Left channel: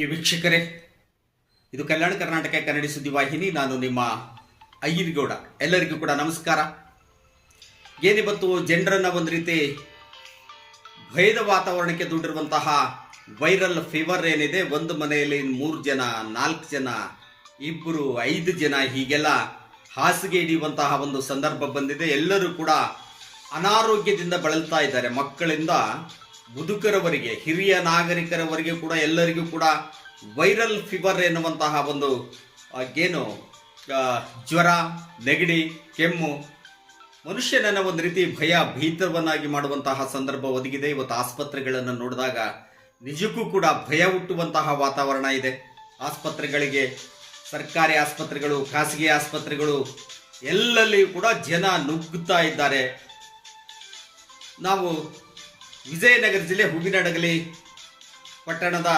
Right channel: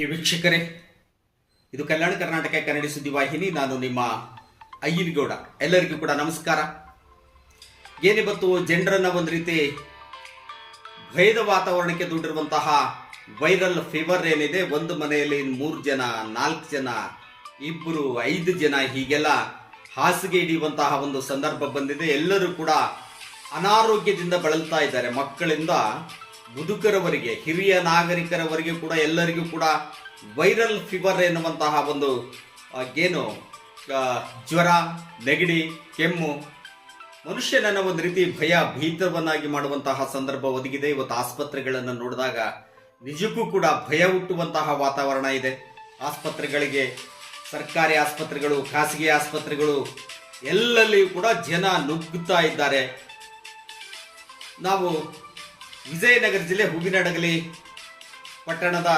ಈ ವೀಕ್ಷಕರೇ, ಇದು ಕಲ್ಯಾಣ ಕರ್ನಾಟಕ ಕನ್ನಡ ಸುದ್ದಿ ವಾಹಿನಿ. ನಾನು ನಿಮ್ಮ ಅಯ್ಯನಗೌಡ. ಎಲ್ಲರಿಗೂ ಕೂಡ ನಮಸ್ಕಾರ. ಏನಿವತ್ತು ಜನರನ್ನ ಒಂದು ರೀತಿ ಭಯದ ವಾತಾವರಣಕ್ಕೆ ದೂಡಿರುವಂತಹ ವೈರಲ್ ಫೀವರ್ ಏನಿದೆ, ಒಂದು ಮನೆಯಲ್ಲಿ 3 ಜನ, 4 ಜನ, 2, 5 ಜನ ಹೀಗೆಲ್ಲ ಹಾಸಿಗೆ ಹಿಡಿಯುವಂತಹ ಒಂದು ಸಂದರ್ಭ ಬಂದಿದೆ. ಎಲ್ಲರೂ ಕೂಡ ಅನಾರೋಗ್ಯದಿಂದ ಬಳಲ್ತಾ ಇದ್ದಾರೆ. ಮಕ್ಕಳಿಂದ ಮುದುಕರವರೆಗೆ, ಹಿರಿಯ ನಾಗರಿಕರವರೆಗೆ ಕೂಡ ಎಲ್ಲರಿಗೂ ಕೂಡ ವೈರಲ್ ಫೀವರ್ ಎನ್ನುವಂತಹ ಒಂದು ಜ್ವರ, ನೆಗಡಿ, ಕೆಮ್ಮು ಮನುಷ್ಯನನ್ನ ಒಂದು ರೀತಿ ಭೀತವನ್ನಾಗಿ ಮಾಡುವಂತಹ ಸಂದರ್ಭ ಒದಗಿದೆ. ಇವತ್ತು ಆಸ್ಪತ್ರೆಗಳನ್ನು ನೋಡಿದಾಗ ನಿಜಕ್ಕೂ ಕೂಡ ಭಯ ಹುಟ್ಟುವಂತಹ ವಾತಾವರಣ ಇದೆ. ಆಸ್ಪತ್ರೆಗಳಿಗೆ, ಸರ್ಕಾರಿ ಆಸ್ಪತ್ರೆಗಳು, ಖಾಸಗಿ ಆಸ್ಪತ್ರೆಗಳು ಎಲ್ಲಲ್ಲಿಯೂ ಕೂಡ ಜನ ನುಗ್ಗುತ್ತಾ ಇದ್ದಾರೆ. ನಾವು ವಿಜಯನಗರ ಜಿಲ್ಲೆ ಹೂವಿನಡಗಲಿ ಪಟ್ಟಣದ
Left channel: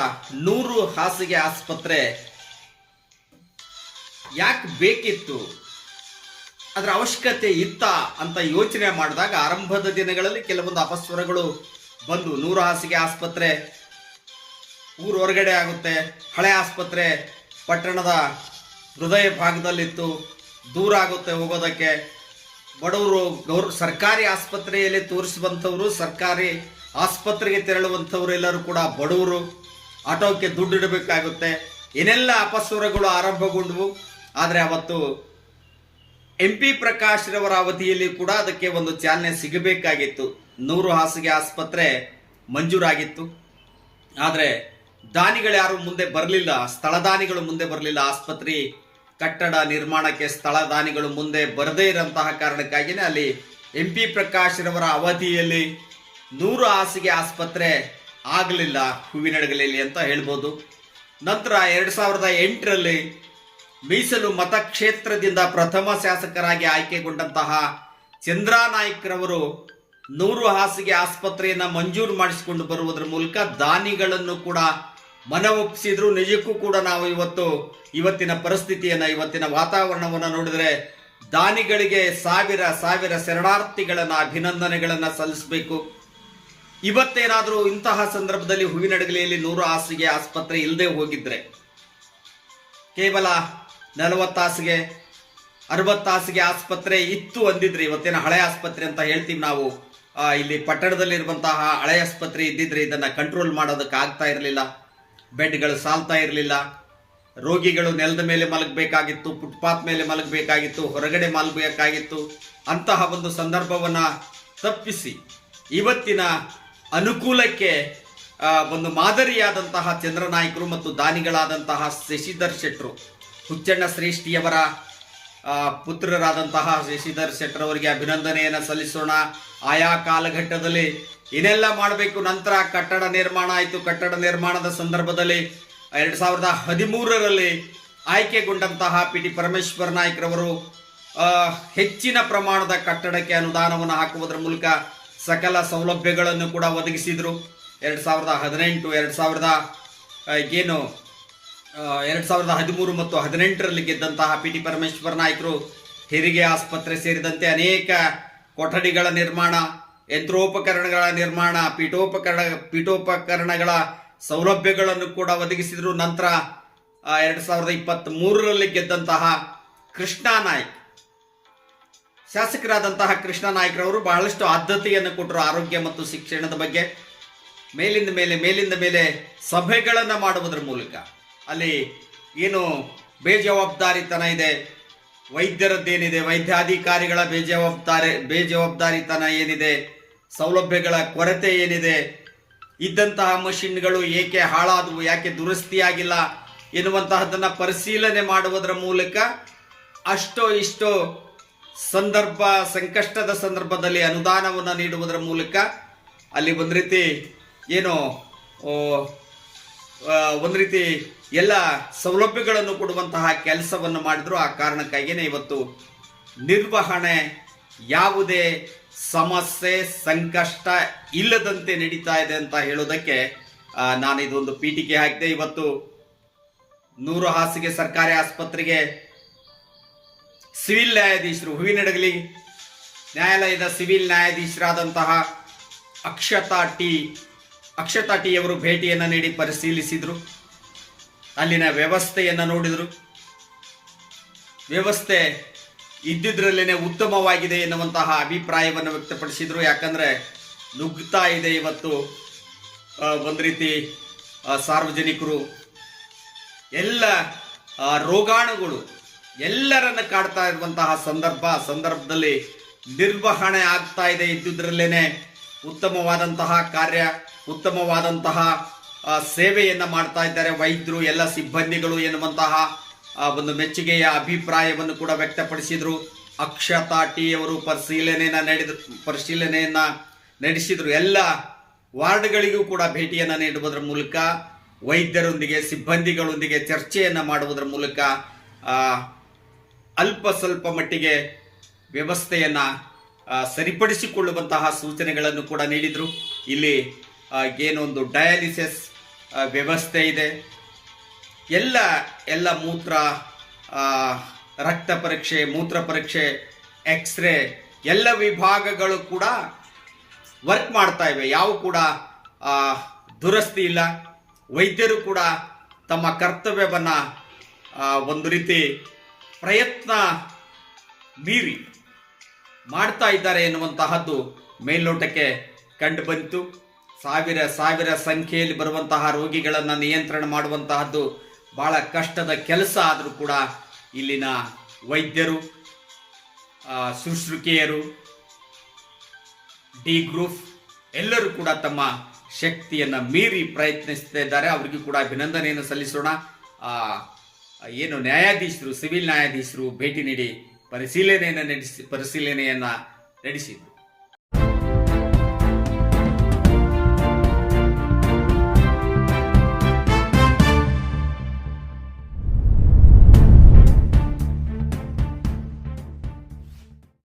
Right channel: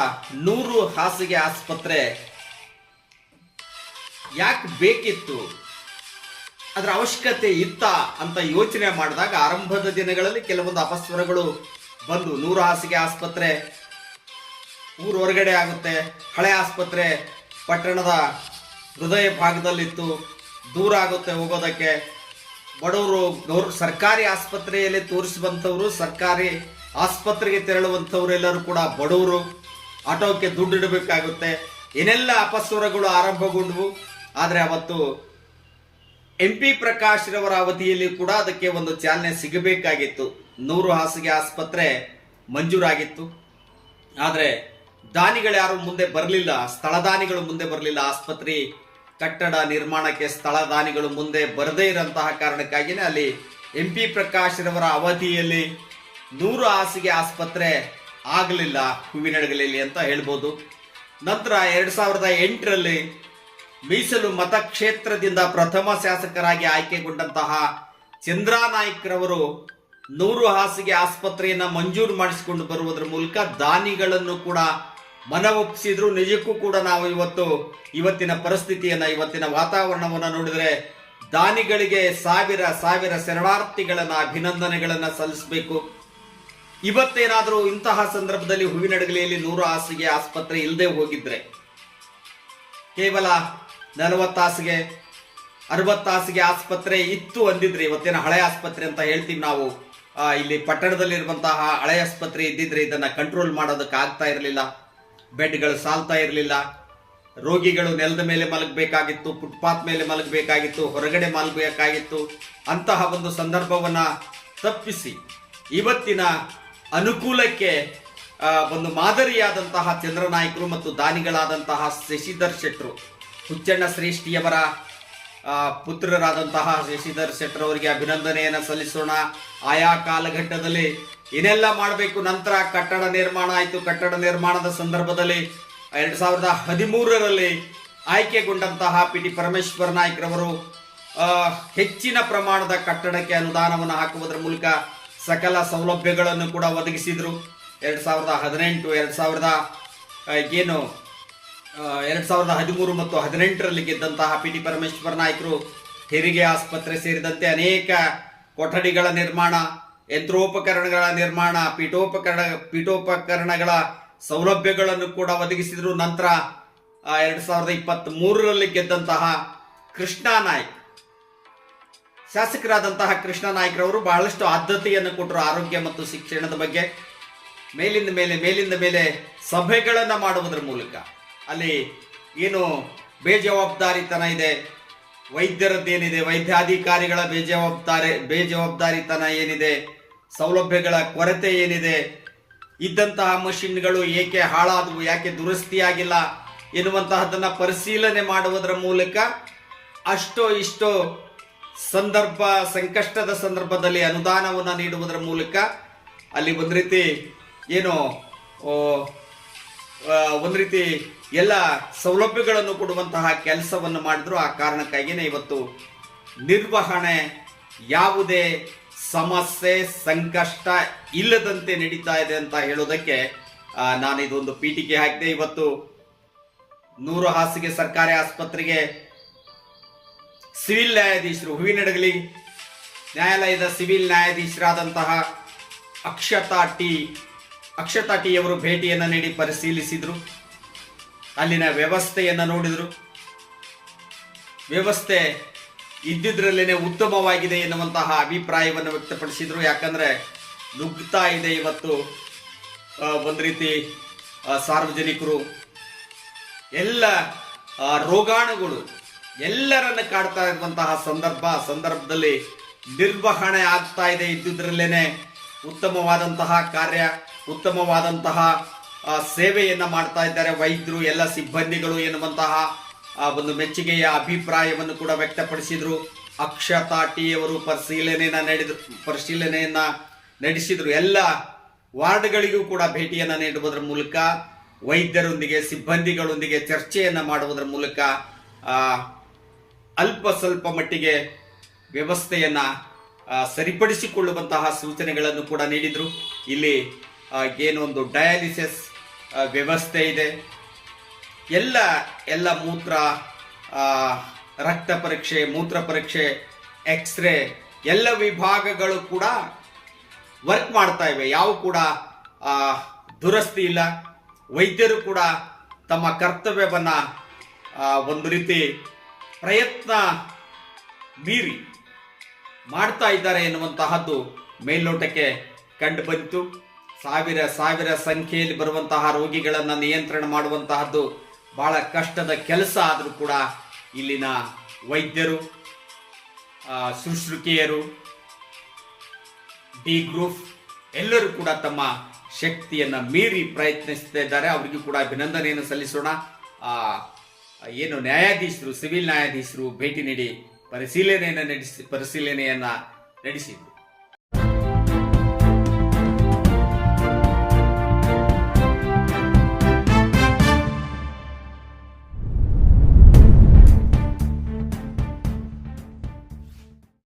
100 ಹಾಸಿಗೆ ಆಸ್ಪತ್ರೆ ಯಾಕೆ ಬೇಕಿತ್ತು, ಅದರ ಅವಶ್ಯಕತೆ ಇತ್ತ ಅಂತ ಯೋಚನೆ ಮಾಡಿದಾಗ ಆರಂಭದ ದಿನಗಳಲ್ಲಿ ಕೆಲವೊಂದು ಅಪಸ್ವರಗಳು ಬಂದು 100 ಹಾಸಿಗೆ ಆಸ್ಪತ್ರೆ ಊರ ಹೊರಗಡೆ ಆಗುತ್ತೆ, ಹಳೆ ಆಸ್ಪತ್ರೆ ಪಟ್ಟಣದ ಹೃದಯ ಭಾಗದಲ್ಲಿತ್ತು, ದೂರ ಆಗುತ್ತೆ ಹೋಗೋದಕ್ಕೆ. ಬಡವರು ಸರ್ಕಾರಿ ಆಸ್ಪತ್ರೆಯಲ್ಲಿ ತೋರಿಸುವಂಥವ್ರು, ಸರ್ಕಾರಿ ಆಸ್ಪತ್ರೆಗೆ ತೆರಳುವಂಥವ್ರು ಎಲ್ಲರೂ ಕೂಡ ಬಡವರು, ಆಟೋಕ್ಕೆ ದುಡ್ಡು ಇಡಬೇಕಾಗುತ್ತೆ. ಏನೆಲ್ಲ ಅಪಸ್ವರಗಳು ಆರಂಭಗೊಂಡವು. ಆದರೆ ಅವತ್ತು MP ಪ್ರಕಾಶ್ ರವರ ಅವಧಿಯಲ್ಲಿ ಕೂಡ ಅದಕ್ಕೆ ಒಂದು ಚಾಲನೆ ಸಿಗಬೇಕಾಗಿತ್ತು. 100 ಹಾಸಿಗೆ ಆಸ್ಪತ್ರೆ ಮಂಜೂರಾಗಿತ್ತು. ಆದರೆ ದಾನಿಗಳು ಯಾರು ಮುಂದೆ ಬರಲಿಲ್ಲ, ಸ್ಥಳದಾನಿಗಳು ಮುಂದೆ ಬರಲಿಲ್ಲ. ಆಸ್ಪತ್ರೆ ಕಟ್ಟಡ ನಿರ್ಮಾಣಕ್ಕೆ ಸ್ಥಳದಾನಿಗಳು ಮುಂದೆ ಬರದೇ ಇರಂತಹ ಕಾರಣಕ್ಕಾಗಿಯೇ ಅಲ್ಲಿ MP ಪ್ರಕಾಶ್ ರವರ ಅವಧಿಯಲ್ಲಿ 100 ಹಾಸಿಗೆ ಆಸ್ಪತ್ರೆ ಆಗಲಿಲ್ಲ ಹೂವಿನಡಗಲಿಯಲ್ಲಿ ಅಂತ ಹೇಳ್ಬೋದು. ನಂತರ 2008ರಲ್ಲಿ ಮೀಸಲು ಮತಕ್ಷೇತ್ರದಿಂದ ಪ್ರಥಮ ಶಾಸಕರಾಗಿ ಆಯ್ಕೆಗೊಂಡಂತಹ ಚಂದ್ರಾನಾಯ್ಕರವರು 100 ಹಾಸಿಗೆ ಆಸ್ಪತ್ರೆಯನ್ನ ಮಂಜೂರು ಮಾಡಿಸಿಕೊಂಡು ಬರುವುದರ ಮೂಲಕ ದಾನಿಗಳನ್ನು ಕೂಡ ಮನವೊಪ್ಪಿಸಿದ್ರು. ನಿಜಕ್ಕೂ ಕೂಡ ನಾವು ಇವತ್ತಿನ ಪರಿಸ್ಥಿತಿಯನ್ನ, ಇವತ್ತಿನ ವಾತಾವರಣವನ್ನು ನೋಡಿದ್ರೆ ದಾನಿಗಳಿಗೆ ಸಾವಿರ ಶರಣಾರ್ಥಿಗಳನ್ನ, ಅಭಿನಂದನೆಗಳನ್ನ ಸಲ್ಲಿಸಬೇಕು. ಇವತ್ತೇನಾದರೂ ಇಂತಹ ಸಂದರ್ಭದಲ್ಲಿ ಹೂವಿನಡಗಲಿಯಲ್ಲಿ 100 ಹಾಸಿಗೆ ಆಸ್ಪತ್ರೆ ಇಲ್ಲದೆ ಹೋಗಿದ್ರೆ, ಕೇವಲ 40 ಹಾಸಿಗೆ 60 ಹಾಸಿಗೆ ಆಸ್ಪತ್ರೆ ಇತ್ತು ಅಂದಿದ್ರೆ, ಇವತ್ತಿನ ಹಳೆ ಆಸ್ಪತ್ರೆ ಅಂತ ಹೇಳ್ತೀವಿ ನಾವು, ಇಲ್ಲಿ ಪಟ್ಟಣದಲ್ಲಿರುವಂತಹ ಹಳೆ ಆಸ್ಪತ್ರೆ ಇದ್ದಿದ್ರೆ ಇದನ್ನ ಕಂಟ್ರೋಲ್ ಮಾಡೋದಕ್ಕೆ ಆಗ್ತಾ ಇರಲಿಲ್ಲ. ಬೆಡ್ಗಳು ಸಾಲ್ತಾ ಇರಲಿಲ್ಲ. ರೋಗಿಗಳು ನೆಲದ ಮೇಲೆ ಮಲಗಬೇಕಾಗಿತ್ತು, ಫುಟ್ಪಾತ್ ಮೇಲೆ ಮಲಗಬೇಕಾಗಿತ್ತು, ಹೊರಗಡೆ ಮಲಗಬೇಕಾಗಿತ್ತು. ಅಂತಹ ಒಂದು ಸಂದರ್ಭವನ್ನ ತಪ್ಪಿಸಿ ಇವತ್ತಿನ ಅನುಕೂಲಕ್ಕೆ ಒಂದು ಮಾದರಿಯಾದಂತಹ ಚಂದ್ರನಾಯ್ಕರು ಮತ್ತು ದಾನಿಗಳಾದಂತಹ ಶಶಿಧರ್ ಶೆಟ್ಟರು, ಹುಚ್ಚಣ್ಣ ಶ್ರೇಷ್ಠಿಯವರ ಪುತ್ರರಾದಂತಹ ಶಶಿಧರ್ ಶೆಟ್ಟರ್ ಅವರಿಗೆ ಅಭಿನಂದನೆಯನ್ನು ಸಲ್ಲಿಸೋಣ. ಆಯಾ ಕಾಲಘಟ್ಟದಲ್ಲಿ ಏನೆಲ್ಲ ಮಾಡಬೇಕು. ನಂತರ ಕಟ್ಟಡ ನಿರ್ಮಾಣ ಆಯಿತು. ಕಟ್ಟಡ ನಿರ್ಮಾಣದ ಸಂದರ್ಭದಲ್ಲಿ 2013ರಲ್ಲಿ ಆಯ್ಕೆಗೊಂಡಂತಹ PT ಪರಮೇಶ್ವರ್ ನಾಯ್ಕರವರು ಹೆಚ್ಚಿನ ಪ್ರಮಾಣದ ಕಟ್ಟಡಕ್ಕೆ ಅನುದಾನವನ್ನು ಹಾಕುವುದರ ಮೂಲಕ ಸಕಲ ಸೌಲಭ್ಯಗಳನ್ನು ಕೂಡ ಒದಗಿಸಿದ್ರು. 2018, 2013 ಮತ್ತು 2018ರಲ್ಲಿ ಗೆದ್ದಂತಹ PT ಪರಮೇಶ್ವರ್ ನಾಯ್ಕರು ಹೆರಿಗೆ ಆಸ್ಪತ್ರೆ ಸೇರಿದಂತೆ ಅನೇಕ ಕೊಠಡಿಗಳ ನಿರ್ಮಾಣ, ಯಂತ್ರೋಪಕರಣಗಳ ನಿರ್ಮಾಣ, ಪೀಠೋಪಕರಣಗಳ ಸೌಲಭ್ಯಗಳನ್ನು ಕೂಡ ಒದಗಿಸಿದ್ರು. ನಂತರ 2023ರಲ್ಲಿ ಗೆದ್ದಂತಹ ಕೃಷ್ಣಾ ನಾಯ್ಕ್, ಶಾಸಕರಾದಂತಹ ಕೃಷ್ಣಾ ನಾಯ್ಕರವರು ಬಹಳಷ್ಟು ಆದ್ಯತೆಯನ್ನು ಕೊಟ್ಟರು ಆರೋಗ್ಯ ಮತ್ತು ಶಿಕ್ಷಣದ ಬಗ್ಗೆ. ಮೇಲಿಂದ ಮೇಲೆ ಸಭೆಗಳನ್ನು ಮಾಡುವುದರ ಮೂಲಕ ಅಲ್ಲಿ ಏನು ಬೇಜವಾಬ್ದಾರಿತನ ಇದೆ, ವೈದ್ಯರದ್ದೇನಿದೆ, ವೈದ್ಯಾಧಿಕಾರಿಗಳ ಬೇಜವಾಬ್ದಾರಿತನ ಏನಿದೆ, ಸೌಲಭ್ಯಗಳ ಕೊರತೆ ಏನಿದೆ, ಇದ್ದಂತಹ ಮಷಿನ್ಗಳು ಏಕೆ ಹಾಳಾದವು, ಯಾಕೆ ದುರಸ್ತಿಯಾಗಿಲ್ಲ ಎನ್ನುವಂತಹದನ್ನ ಪರಿಶೀಲನೆ ಮಾಡುವುದರ ಮೂಲಕ ಅಷ್ಟೋ ಇಷ್ಟೋ ಸಂಕಷ್ಟದ ಸಂದರ್ಭದಲ್ಲಿ ಅನುದಾನವನ್ನು ನೀಡುವುದರ ಮೂಲಕ ಅಲ್ಲಿ ಒಂದು ರೀತಿ ಎಲ್ಲ ಸೌಲಭ್ಯಗಳನ್ನು ಕೊಡುವಂತಹ ಕೆಲಸವನ್ನು ಮಾಡಿದ್ರು. ಆ ಕಾರಣಕ್ಕಾಗಿಯೇ ಇವತ್ತು ನಿರ್ವಹಣೆ ಯಾವುದೇ ಸಮಸ್ಯೆ, ಸಂಕಷ್ಟ ಇಲ್ಲದಂತೆ ನಡೀತಾ ಇದೆ ಅಂತ ಹೇಳೋದಕ್ಕೆ ನಾನು ಇದೊಂದು ಪೀಠಿಕೆ ಹಾಕಿದೆ. ಇವತ್ತು 100 ಹಾಸಿಗೆ ಸರ್ಕಾರಿ ಆಸ್ಪತ್ರೆಗೆ ಸಿವಿಲ್ ನ್ಯಾಯಾಧೀಶರು, ಹೂವಿನಡಗಲಿ ನ್ಯಾಯಾಲಯದ ಸಿವಿಲ್ ನ್ಯಾಯಾಧೀಶರಾದಂತಹ ಅಕ್ಷತಾ ಟಿ ಅವರು ಭೇಟಿಯನ್ನು ನೀಡಿ ಪರಿಶೀಲಿಸಿದರು. ಅಲ್ಲಿನ ವ್ಯವಸ್ಥೆಯನ್ನು ನೋಡಿದರು. ವ್ಯವಸ್ಥೆ ಇದ್ದಿದ್ರಲ್ಲೇನೆ ಉತ್ತಮವಾಗಿದೆ ಎನ್ನುವಂತಹ ಅಭಿಪ್ರಾಯವನ್ನು ವ್ಯಕ್ತಪಡಿಸಿದರು. ಯಾಕಂದ್ರೆ ನುಗ್ತಾ ಇದೆ ಇವತ್ತು ಒಂದು ರೀತಿ ಸಾರ್ವಜನಿಕರು, ಎಲ್ಲ ರೋಗಾಣುಗಳು ಎಲ್ಲರನ್ನ ಕಾಡ್ತಾ ಇರುವಂತಹ ಸಂದರ್ಭದಲ್ಲಿ ನಿರ್ವಹಣೆ ಆಗ್ತಾ ಇದೆ. ಇದ್ದುದ್ರಲ್ಲೇನೆ ಉತ್ತಮವಾದಂತಹ ಕಾರ್ಯ, ಉತ್ತಮವಾದಂತಹ ಸೇವೆಯನ್ನ ಮಾಡ್ತಾ ಇದ್ದಾರೆ ವೈದ್ಯರು, ಎಲ್ಲ ಸಿಬ್ಬಂದಿಗಳು ಎನ್ನುವಂತಹ ಒಂದು ಮೆಚ್ಚುಗೆಯ ಅಭಿಪ್ರಾಯವನ್ನು ಕೂಡ ವ್ಯಕ್ತಪಡಿಸಿದ್ರು. ಅಕ್ಷತಾ ಟಿ ಅವರು ಪರಿಶೀಲನೆಯನ್ನ ನಡೆಸಿದ್ರು. ಎಲ್ಲ ವಾರ್ಡ್ಗಳಿಗೂ ಕೂಡ ಭೇಟಿಯನ್ನ ನೀಡುವುದರ ಮೂಲಕ, ವೈದ್ಯರೊಂದಿಗೆ ಸಿಬ್ಬಂದಿಗಳೊಂದಿಗೆ ಚರ್ಚೆಯನ್ನ ಮಾಡುವುದರ ಮೂಲಕ ಅಲ್ಪ ಸ್ವಲ್ಪ ಮಟ್ಟಿಗೆ ವ್ಯವಸ್ಥೆಯನ್ನ ಸರಿಪಡಿಸಿಕೊಳ್ಳುವಂತಹ ಸೂಚನೆಗಳನ್ನು ಕೂಡ ನೀಡಿದ್ರು. ಇಲ್ಲಿ ಏನೊಂದು ಡಯಾಲಿಸಿಸ್ ವ್ಯವಸ್ಥೆ ಇದೆ, ಎಲ್ಲ ಮೂತ್ರ ರಕ್ತ ಪರೀಕ್ಷೆ, ಮೂತ್ರ ಪರೀಕ್ಷೆ, ಎಕ್ಸ್ರೇ ಎಲ್ಲ ವಿಭಾಗಗಳು ಕೂಡ ವರ್ಕ್ ಮಾಡ್ತಾ ಇವೆ. ಯಾವ ಕೂಡ ದುರಸ್ತಿ ಇಲ್ಲ. ವೈದ್ಯರು ಕೂಡ ತಮ್ಮ ಕರ್ತವ್ಯವನ್ನ ಒಂದು ರೀತಿ ಪ್ರಯತ್ನ ಮೀರಿ ಮಾಡ್ತಾ ಇದ್ದಾರೆ ಎನ್ನುವಂತಹದ್ದು ಮೇಲ್ನೋಟಕ್ಕೆ ಕಂಡು ಬಂತು. ಸಾವಿರ ಸಂಖ್ಯೆಯಲ್ಲಿ ಬರುವಂತಹ ರೋಗಿಗಳನ್ನು ನಿಯಂತ್ರಣ ಮಾಡುವಂತಹದ್ದು ಬಹಳ ಕಷ್ಟದ ಕೆಲಸ. ಆದರೂ ಕೂಡ ಇಲ್ಲಿನ ವೈದ್ಯರು, ಶುಶ್ರೂಷಕಿಯರು, ಡಿ ಗ್ರೂಪ್ ಎಲ್ಲರೂ ಕೂಡ ತಮ್ಮ ಶಕ್ತಿಯನ್ನ ಮೀರಿ ಪ್ರಯತ್ನಿಸ್ತಾ ಇದ್ದಾರೆ. ಅವರಿಗೂ ಕೂಡ ಅಭಿನಂದನೆಯನ್ನು ಸಲ್ಲಿಸೋಣ. ಏನು ನ್ಯಾಯಾಧೀಶರು, ಸಿವಿಲ್ ನ್ಯಾಯಾಧೀಶರು ಭೇಟಿ ನೀಡಿ ಪರಿಶೀಲನೆಯನ್ನ ನಡೆಸಿದ್ರು.